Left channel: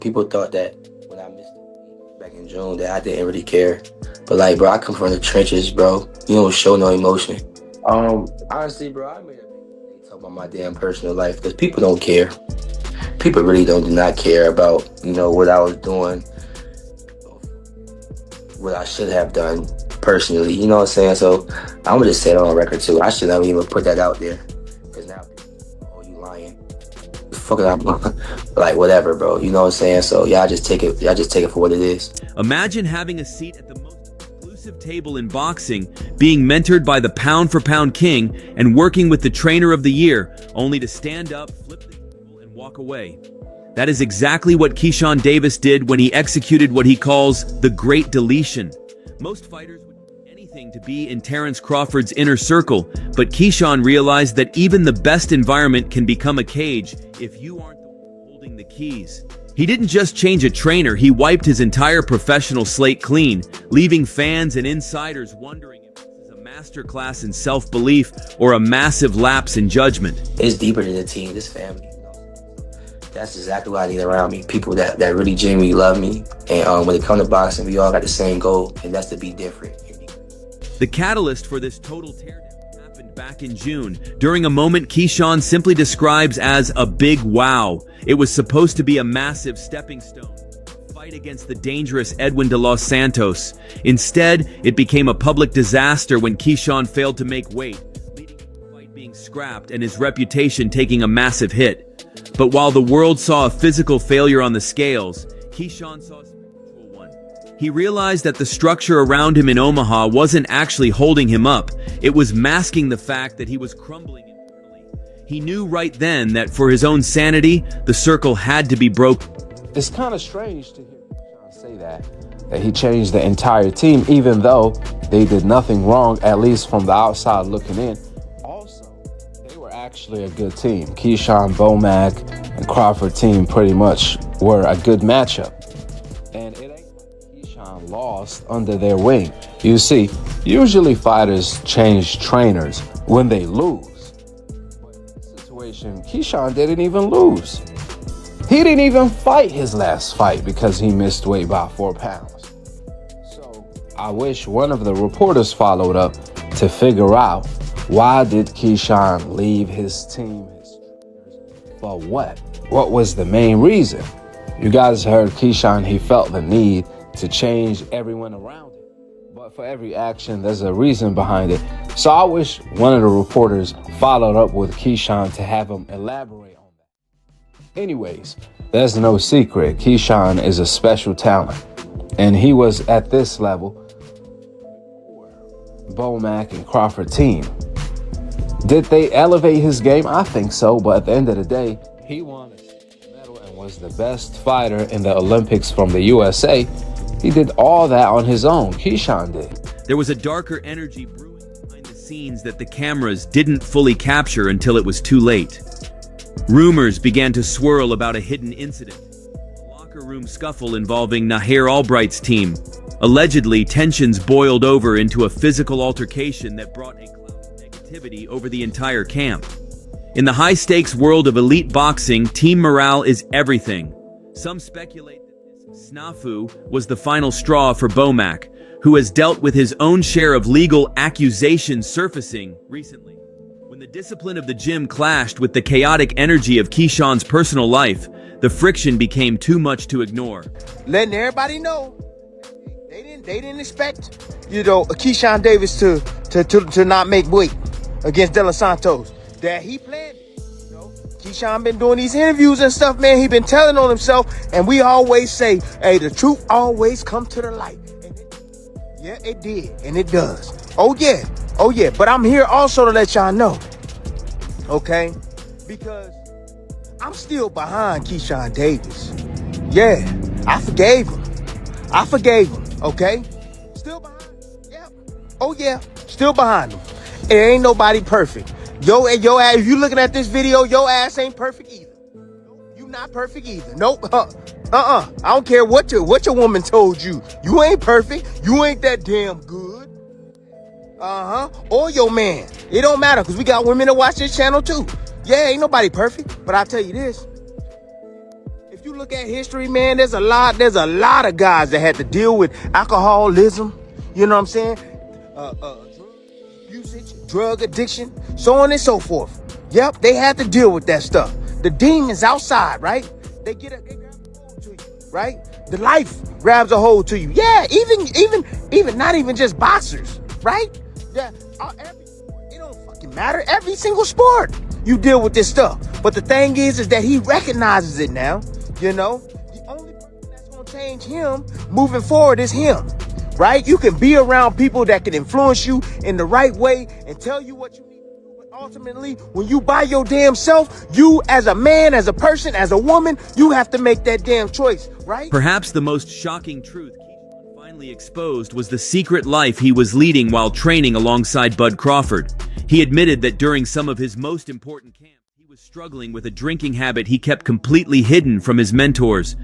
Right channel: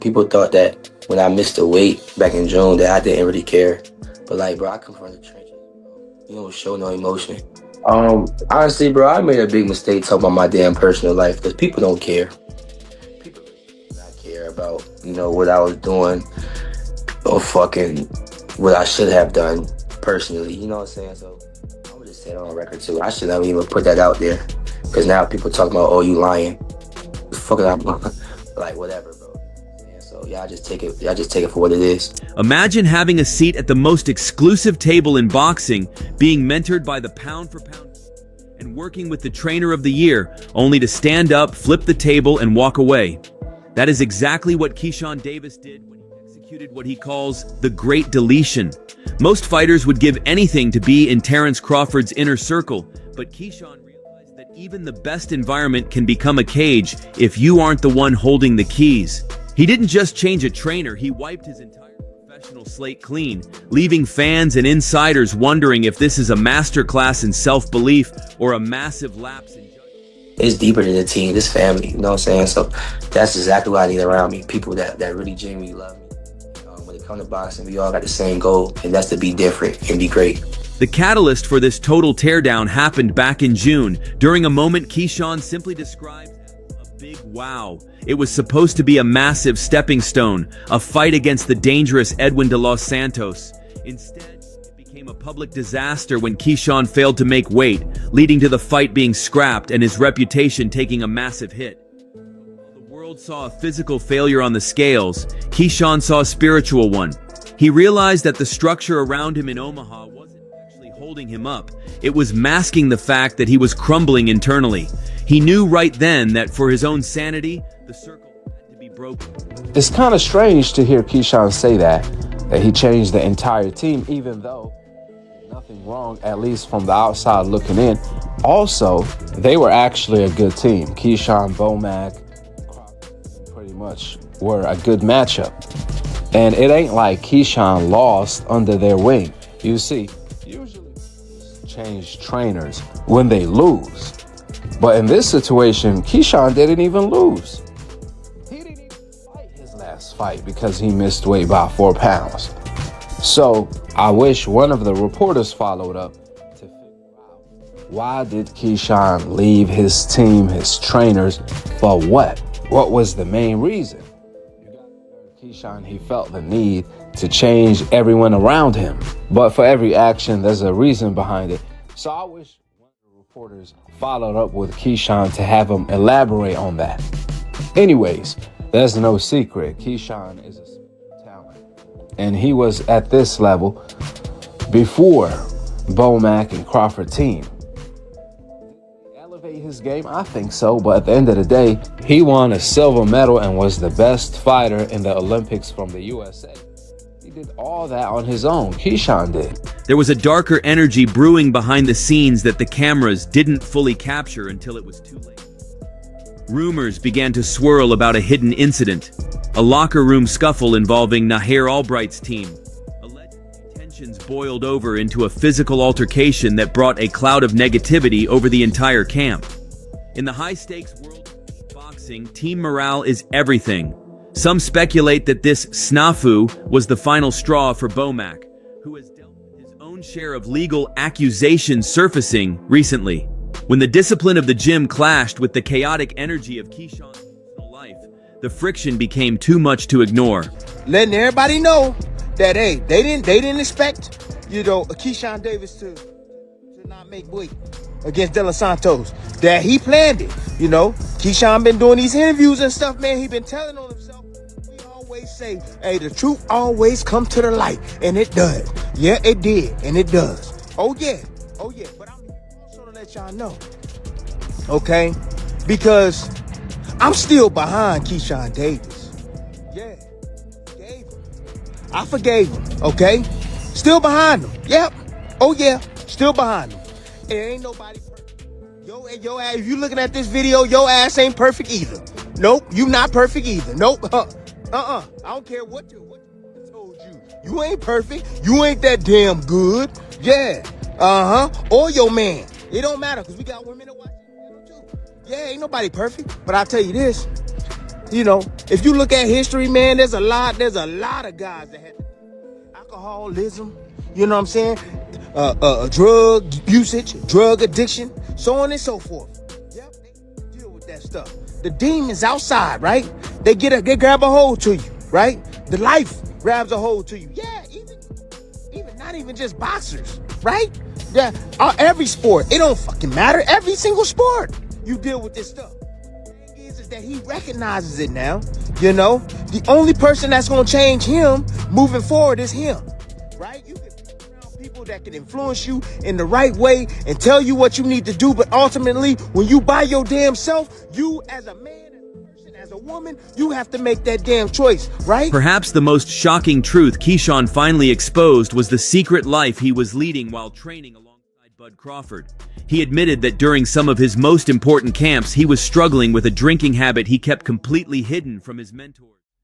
People thought that when I missed the weight back in June that I didn't really care. But like, bro, I come from the trenches, bro. You don't show no emotion. Honestly, bro, I made a big mistake talking about my damn personal life because people don't care. People really do not care about, what I was doing or fucking what I should have done personally. You know what I'm saying? So I'm gonna just say it on record too. I should never even put that out there because now people talking about, oh, you lying. Fuck it up. Like, whatever, bro. You know what I'm saying? So y'all just take it for what it is. Imagine having a seat at the most exclusive table in boxing, being mentored by the pound-for-pound king, and working with the trainer of the year, only to stand up, flip the table, and walk away. That is exactly what Keyshawn Davis did when he executed what he calls the Great Deletion. Most fighters would give anything to be in Terence Crawford's inner circle, but Keyshawn realized that even the best environment can become a cage if you aren't the one holding the keys. He didn't just change a trainer, he wiped his entire professional slate clean, leaving fans and insiders wondering if this is a masterclass in self-belief or a massive lapse in judgment. It's deeper than a team, this family, you know what I'm saying? So that's exactly what I need around me, people that really genuinely love me. And when it comes to boxing, we all got the same goal, and that's to be different and be great. The catalyst for this total teardown happened back in June, during a moment Keyshawn simply describes as a big wow. It was supposed to be a massive stepping stone, a fight against the dangerous Edwin De Los Santos. Instead, it became a public disaster when Keyshawn failed to make weight, leading to the fight being scrapped and his reputation taking a massive hit. But while the world saw a physical failure on the scales, Keyshawn saw a spiritual one. He realized that the structure around him in Omaha wasn't actually holding him up. It was masking the fact that he was crumbling internally. He knew right then that for his own sanity, the circle had to be broken. It's kind of strange to hear Keyshawn say that he changed the entire team, even though they did nothing wrong, at least from the outside looking in. Also, they were actually a good team. Keyshawn, Bomac, and Crawford team pretty much were a good matchup. And it ain't like Keyshawn lost under their wing. You see, usually fighters change trainers when they lose. But in this situation, Keyshawn didn't even lose. He didn't even fight his last fight because he missed weight by 4 pounds. So I wish one of the reporters followed up to figure out, why did Keyshawn leave his team, his trainers, for what? What was the main reason? You guys heard Keyshawn, he felt the need to change everyone around him. But for every action, there's a reason behind it. So I wish one of the reporters followed up with Keyshawn to have him elaborate on that. Anyways, there's no secret. Keyshawn is a special talent. And he was at this level before Bomac and Crawford team. Did they elevate his game? I think so, but at the end of the day, he won a silver medal and was the best fighter in the Olympics from the USA. He did all that on his own. Keyshawn did. There was a darker energy brewing behind the scenes that the cameras didn't fully capture until it was too late. Rumors began to swirl about a hidden incident, a locker room scuffle involving Nahir Albright's team. Allegedly, tensions boiled over into a physical altercation that brought a cloud of negativity over the entire camp. In the high-stakes world of elite boxing, team morale is everything. Some speculate that this snafu was the final straw for Bomac, who has dealt with his own share of legal accusations surfacing recently. When the discipline of the gym clashed with the chaotic energy of Keyshawn's personal life, the friction became too much to ignore. Letting everybody know that, hey, they didn't expect, Keyshawn Davis to not make weight against De Los Santos. That he planned it, Keyshawn been doing these interviews and stuff, man. He been telling on himself, and we always say, hey, the truth always comes to the light, and it does. Yeah, it did, and it does. Oh yeah. But I'm here also to let y'all know, okay? Because I'm still behind Keyshawn Davis. Yeah, I forgave him, okay? Still behind him. Yep. Oh yeah, still behind him. There ain't nobody perfect. Yo ass, if you looking at this video, your ass ain't perfect either. Nope, you not perfect either. Nope. I don't care what your woman told you. You ain't perfect. You ain't that damn good. Yeah. Or your man. It don't matter, because we got women that watch this channel too. Yeah, ain't nobody perfect. But I'll tell you this. You know, if you look at history, man, there's a lot of guys that had to deal with alcoholism, you know what I'm saying? Drug usage, drug addiction, so on and so forth. Yep, they had to deal with that stuff. The demons outside, right? They grab a hold to you, right? The life grabs a hold to you. Yeah, even not even just boxers, right? Yeah, every sport, it don't fucking matter. Every single sport, you deal with this stuff. But the thing is that he recognizes it now. You know, the only person that's gonna change him moving forward is him. Right? You can be around people that can influence you in the right way and tell you what you need to do. But ultimately, when you by your damn self, you as a man, as a person, as a woman, you have to make that damn choice, right? Perhaps the most shocking truth Keyshawn finally exposed was the secret life he was leading while training alongside Bud Crawford. He admitted that during some of his most important camps, he was struggling with a drinking habit he kept completely hidden from his mentors.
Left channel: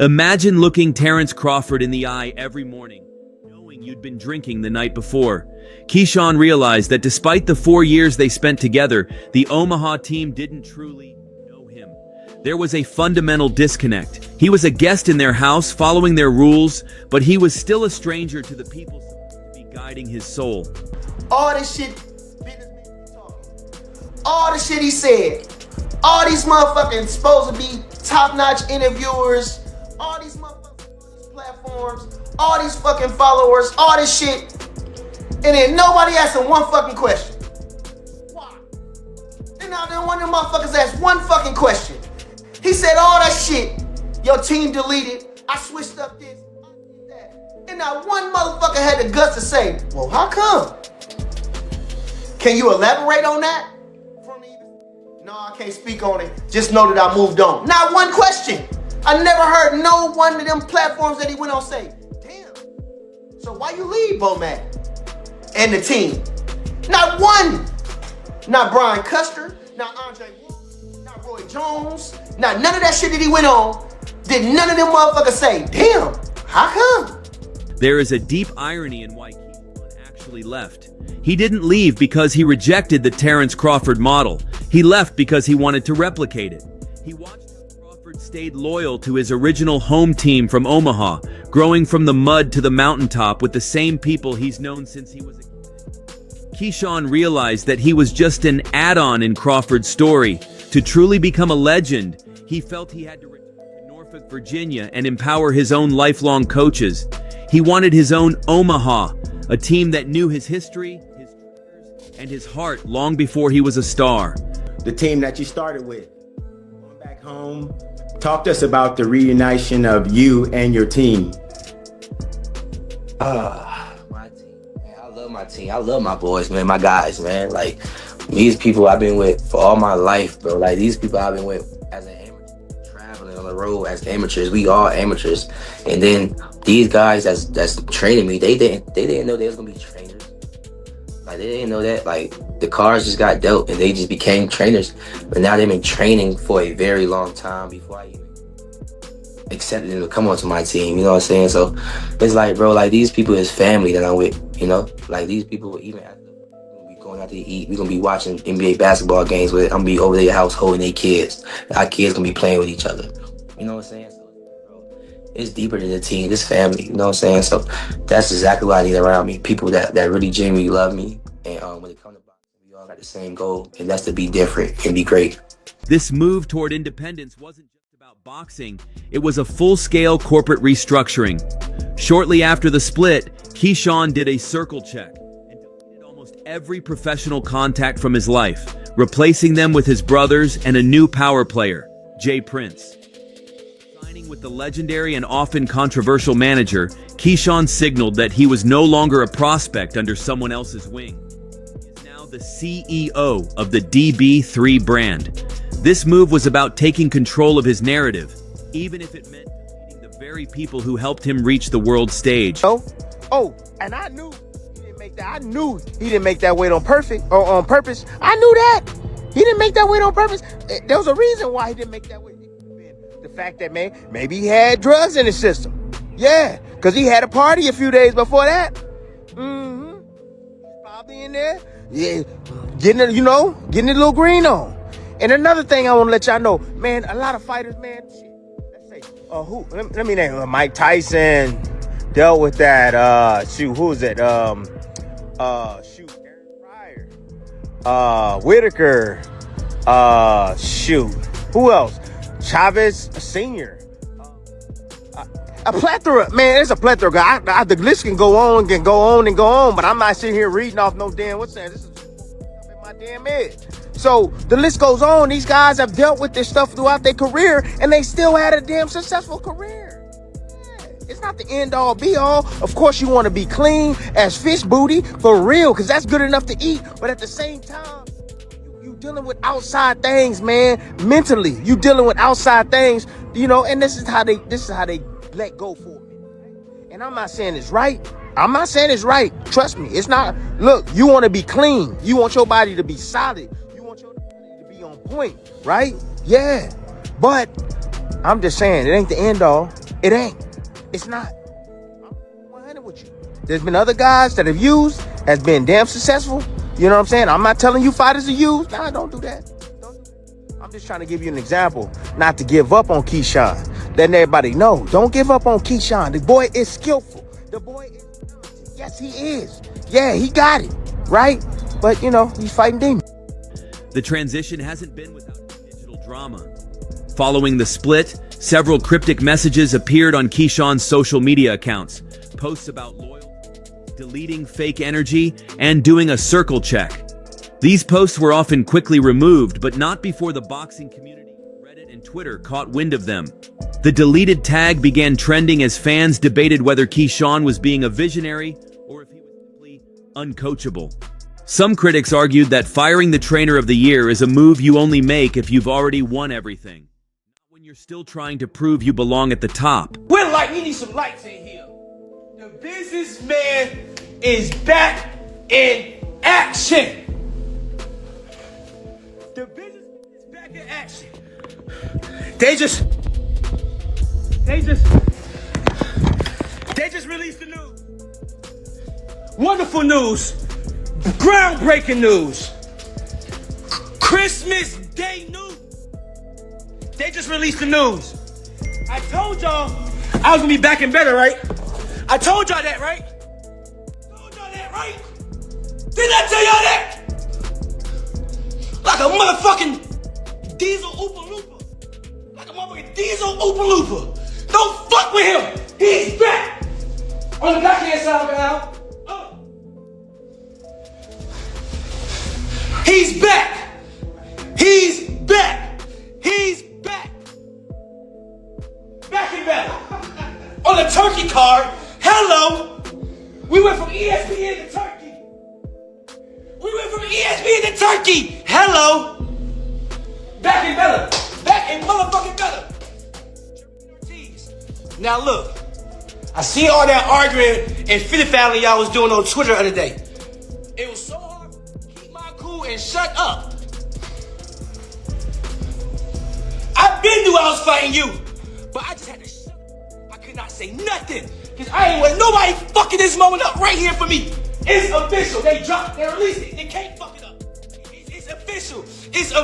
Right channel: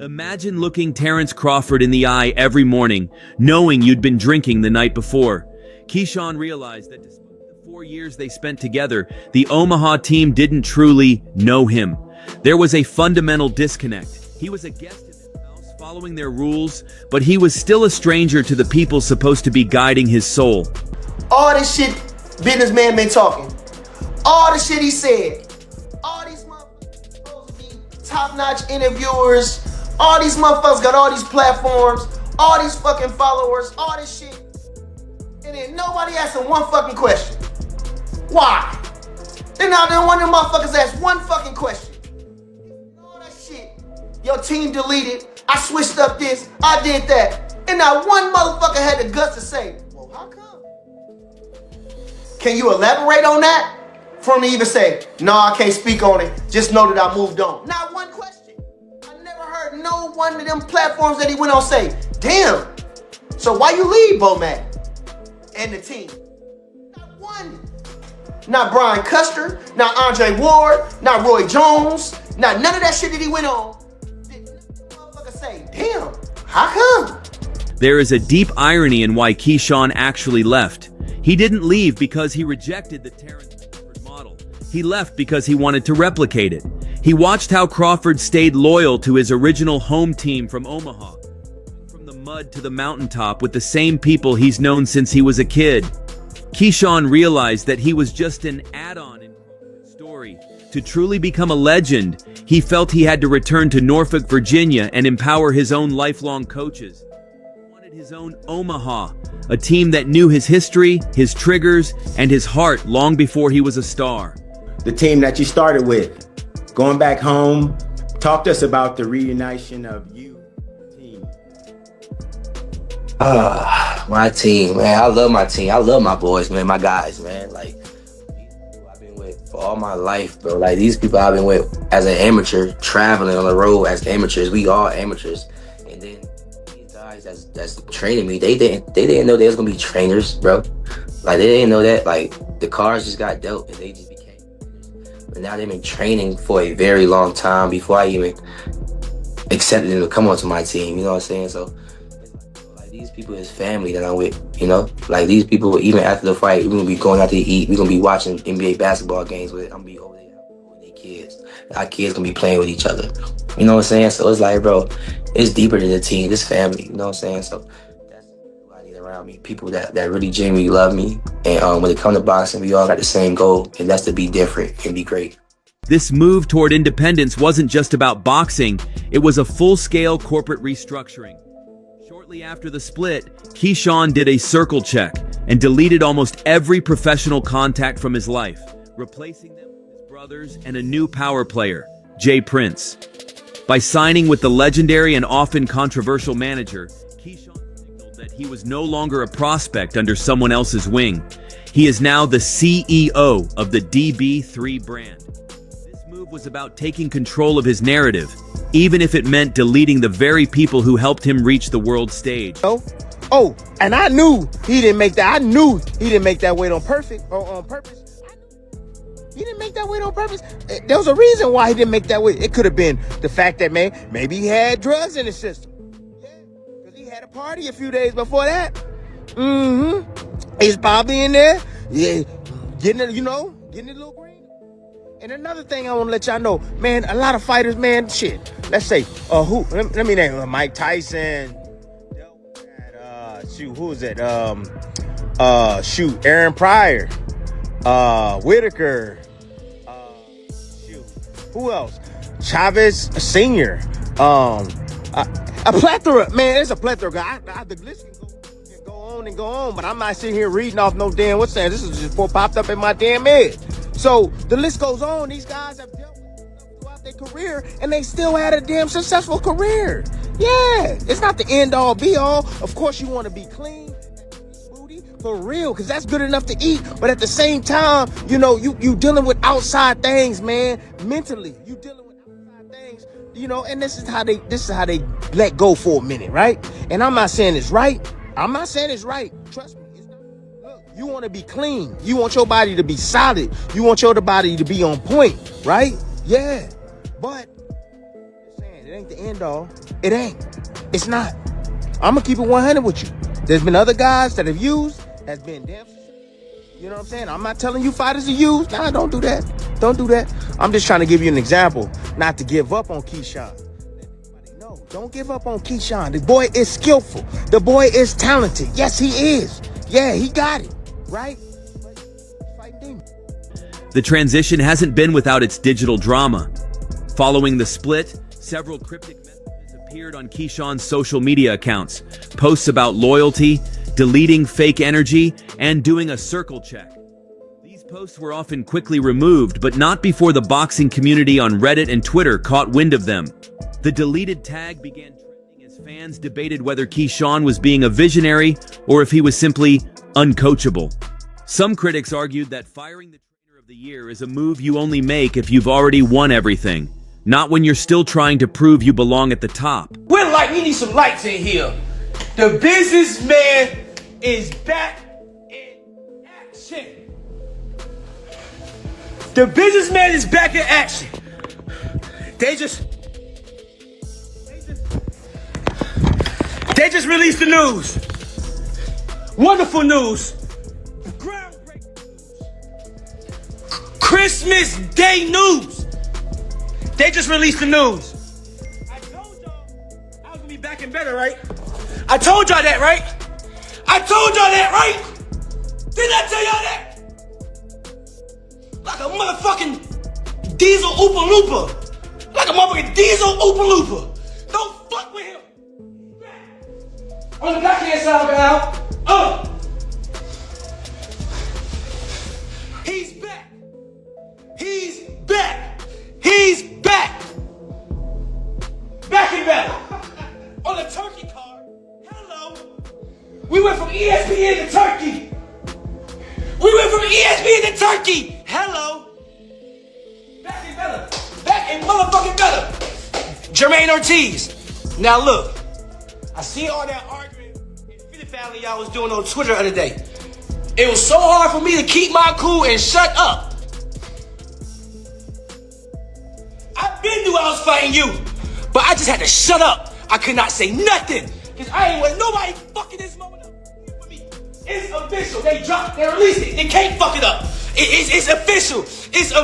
Imagine looking Terrence Crawford in the eye every morning, knowing you'd been drinking the night before. Keyshawn realized that despite the 4 years they spent together, the Omaha team didn't truly know him. There was a fundamental disconnect. He was a guest in their house, following their rules, but he was still a stranger to the people supposed to be guiding his soul. All this shit businessman been talking, all the shit he said, all these motherfuckers supposed to be top-notch interviewers, all these motherfuckers got all these platforms, all these fucking followers, all this shit, and then nobody asking one fucking question. Why? Then now one of them motherfuckers asked one fucking question. He said all that shit, your team deleted, I switched up this, I did that, and not one motherfucker had the guts to say, well, how come? Can you elaborate on that? For him to even say, no, I can't speak on it, just know that I moved on. Not one question. I never heard no one of them platforms that he went on say, damn, so why you leave Bomac and the team? Not one. Not Brian Custer, not Andre Ward, not Roy Jones, not none of that shit that he went on. Did none of them motherfuckers say, damn, how come? There is a deep irony in why Keyshawn actually left. He didn't leave because he rejected the Terrence Crawford model. He left because he wanted to replicate it. He watched how Crawford stayed loyal to his original home team from Omaha, growing from the mud to the mountaintop with the same people he's known since he was a kid. Keyshawn realized that he was just an add-on in Crawford's story. To truly become a legend, he felt he had to return to Norfolk, Virginia and empower his own lifelong coaches. He wanted his own Omaha, a team that knew his history, his triggers, and his heart long before he was a star. The team that you started with, going back home, talk to us about the reunition of you and your team. My team, man. I love my team. I love my boys, man, my guys, man. Like, these people I've been with for all my life, bro. Like, these people I've been with as an amateur, traveling on the road as amateurs. We all amateurs. And then these guys that's training me, they didn't know they was gonna be trainers, bro. Like, they didn't know that. Like, the cards just got dealt and they just became trainers. But now they've been training for a very long time before I even accepted them to come onto my team. You know what I'm saying? So it's like, bro, like, these people is family that I'm with, you know? Like, these people, even after the fight, we're gonna be going out to eat. We're gonna be watching NBA basketball games with. I'm gonna be over their house holding their kids. Our kids gonna be playing with each other. You know what I'm saying? So it's like, bro, it's deeper than the team. It's family. You know what I'm saying? So that's exactly what I need around me. People that really genuinely love me. And when it comes to boxing, we all got the same goal, and that's to be different and be great. This move toward independence wasn't just about boxing, it was a full-scale corporate restructuring. Shortly after the split, Keyshawn did a circle check and deleted almost every professional contact from his life, replacing them with his brothers and a new power player, Jay Prince. By signing with the legendary and often controversial manager, Keyshawn signaled that he was no longer a prospect under someone else's wing. He is now the CEO of the DB3 brand. This move was about taking control of his narrative, even if it meant deleting the very people who helped him reach the world stage. Oh, and I knew he didn't make that. I knew he didn't make that weight on purpose. I knew that. He didn't make that weight on purpose. There was a reason why he didn't make that weight. It could have been the fact that, man, maybe he had drugs in his system. Yeah, because he had a party a few days before that. He's probably in there, yeah, getting a little green on. And another thing I want to let y'all know, man, a lot of fighters, man, shit. Let's say, let me name Mike Tyson dealt with that, who was it? Aaron Pryor, Whitaker, who else? Chavez Sr., a plethora, man, there's a plethora. The list can go on and go on and go on, but I'm not sitting here reading off no damn what's saying. This is just what popped up in my damn head. So the list goes on. These guys have dealt with this stuff throughout their career, and they still had a damn successful career. Yeah, it's not the end all be all. Of course, you want to be clean as fish booty for real, because that's good enough to eat. But at the same time, you know, you dealing with outside things, man. Mentally, you dealing with outside things, you know. And this is how they let go for a minute, right? And I'm not saying it's right. I'm not saying it's right. Trust me, it's not. Look, you want to be clean. You want your body to be solid. You want your body to be on point, right? Yeah, but I'm just saying it ain't the end all. It ain't. It's not. I'm gonna keep it 100 with you. There's been other guys that have used, has been damn successful. You know what I'm saying? I'm not telling you fighters to use. Nah, don't do that. Don't do that. I'm just trying to give you an example, not to give up on Keyshawn. Letting everybody know, don't give up on Keyshawn. The boy is skillful. The boy is talented. Yes, he is. Yeah, he got it, right? But, you know, he's fighting demons. The transition hasn't been without its digital drama. Following the split, several cryptic messages appeared on Keyshawn's social media accounts, posts about loyalty, deleting fake energy, and doing a circle check. These posts were often quickly removed, but not before the boxing community on Reddit and Twitter caught wind of them. The deleted tag began trending as fans debated whether Keyshawn was being a visionary or if he was simply uncoachable. Some critics argued that firing the trainer of the year is a move you only make if you've already won everything, not when you're still trying to prove you belong at the top. We're like, we need some lights in here. The businessman is back in action. The businessman is back in action. They just released the news. Wonderful news. Groundbreaking news. Christmas Day news. They just released the news. I told y'all I was gonna be back and better, right? I told y'all that, right? I told y'all that, right? Didn't I tell y'all that? Like a motherfucking diesel Oopa Loopa. Like a motherfucking diesel Oopa Loopa. Don't fuck with him. He's back. On the backhand side, Val. He's back. He's back. He's back. Back and better. On the turkey card, hello. We went from ESPN to Turkey. We went from ESPN to Turkey. Hello. Back and better. Back and motherfucking better. Germain Ortiz. Now look, I see all that arguing and Philly family y'all was doing on Twitter the other day. It was so hard for me to keep my cool and shut up. I been knew I was fighting you, but I just had to shut up. I could not say nothing, because I ain't want nobody fucking this moment up right here for me. It's official. They released it. They can't fuck it up. It's official.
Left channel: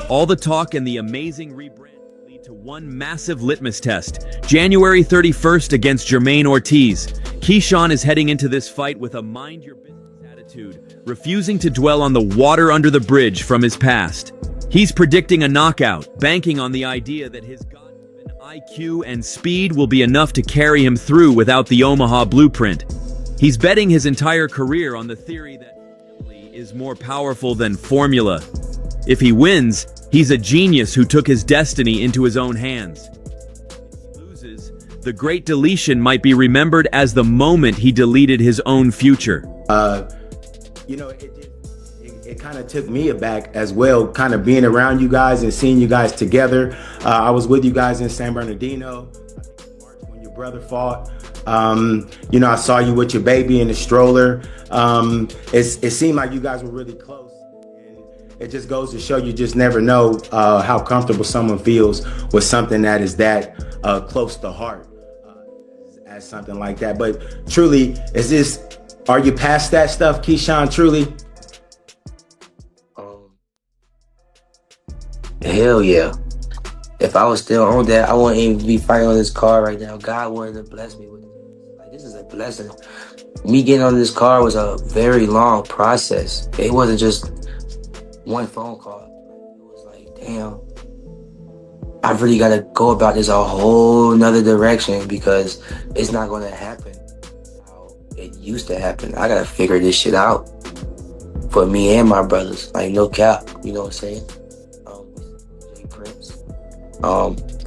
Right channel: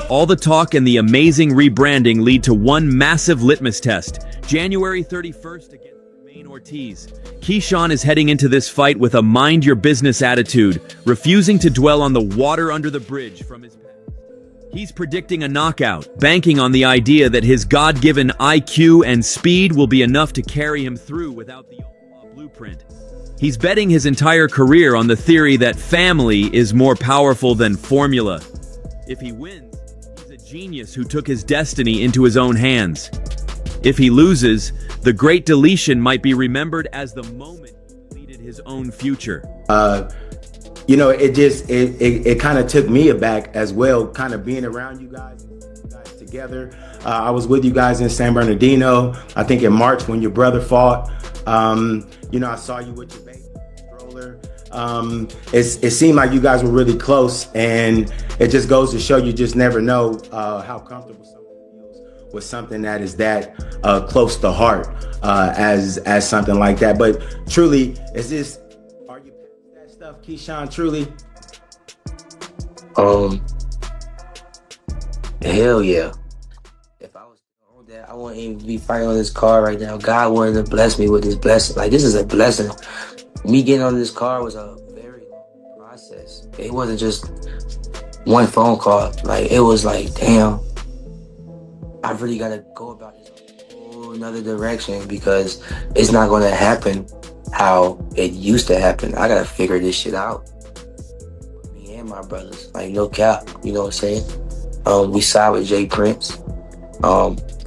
All the talk and the amazing rebranding lead to one massive litmus test. January 31st against Germain Ortiz. Keyshawn is heading into this fight with a mind-your-business attitude, refusing to dwell on the water under the bridge from his past. He's predicting a knockout, banking on the idea that his God-given IQ and speed will be enough to carry him through without the Omaha blueprint. He's betting his entire career on the theory that family is more powerful than formula. If he wins, he's a genius who took his destiny into his own hands. If he loses, the Great Deletion might be remembered as the moment he deleted his own future. You know, it kind of took me aback as well, kind of being around you guys and seeing you guys together. I was with you guys in San Bernardino, I think in March when your brother fought. You know, I saw you with your baby in the stroller. It seemed like you guys were really close, and it just goes to show you just never know how comfortable someone feels with something that is that close to heart as something like that. But truly, are you past that stuff, Keyshawn, truly? Hell yeah. If I was still on that, I wouldn't even be fighting on this car right now. God wouldn't have blessed me with this blessing. Like, this is a blessing. Me getting on this car was a very long process. It wasn't just one phone call. Like, it was like, damn, I really got to go about this a whole nother direction because it's not going to happen how it used to happen. I got to figure this shit out for me and my brothers. Like, no cap, you know what I'm saying? We signed with Jay Prince.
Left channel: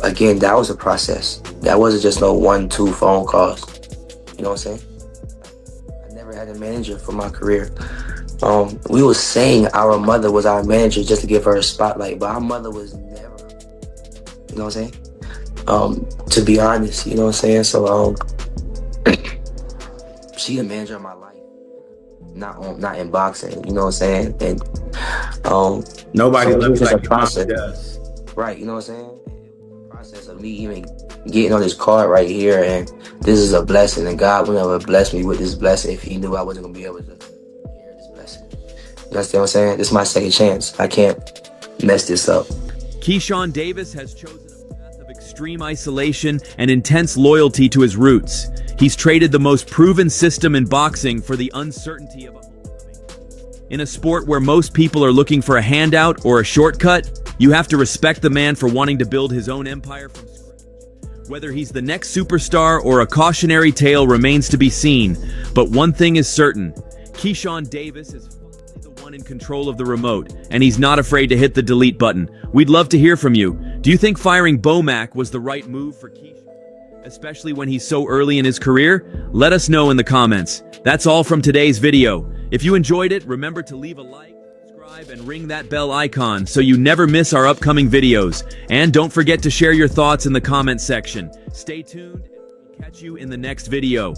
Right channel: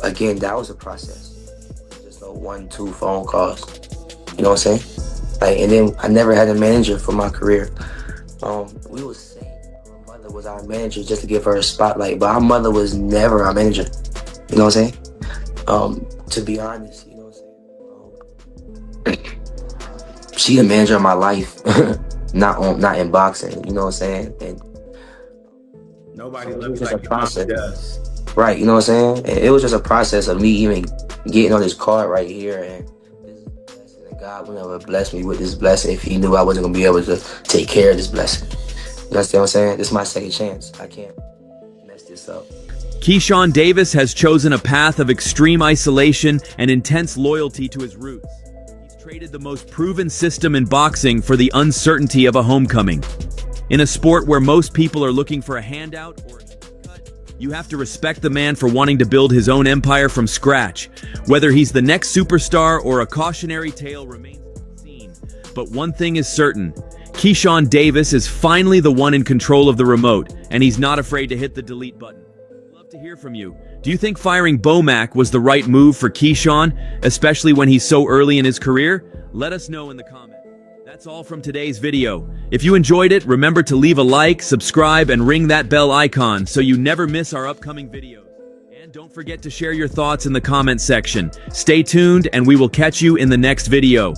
Again, that was a process. That wasn't just no 1-2 phone calls. You know what I'm saying? Like, and then I never had a manager for my career. We was saying our mother was our manager just to give her a spotlight, but our mother was never our manager. You know what I'm saying? To be honest, you know what I'm saying? So, she the manager of my life, not in boxing. You know what I'm saying? And Nobody so looks like a your mom does. Right, you know what I'm saying? And it was just a process of me even getting on this card right here, and this is a blessing, and God would never bless me with this blessing if he knew I wasn't going to be able to take care of this blessing. You understand what I'm saying? This is my second chance. I can't mess this up. Keyshawn Davis has chosen a path of extreme isolation and intense loyalty to his roots. He's traded the most proven system in boxing for the uncertainty of a homecoming. In a sport where most people are looking for a handout or a shortcut, you have to respect the man for wanting to build his own empire from scratch. Whether he's the next superstar or a cautionary tale remains to be seen, but one thing is certain. Keyshawn Davis is finally the one in control of the remote, and he's not afraid to hit the delete button. We'd love to hear from you. Do you think firing Bomac was the right move for Keyshawn, especially when he's so early in his career? Let us know in the comments. That's all from today's video. If you enjoyed it, remember to leave a like, subscribe, and ring that bell icon so you never miss our upcoming videos. And don't forget to share your thoughts in the comment section. Stay tuned, and we will catch you in the next video.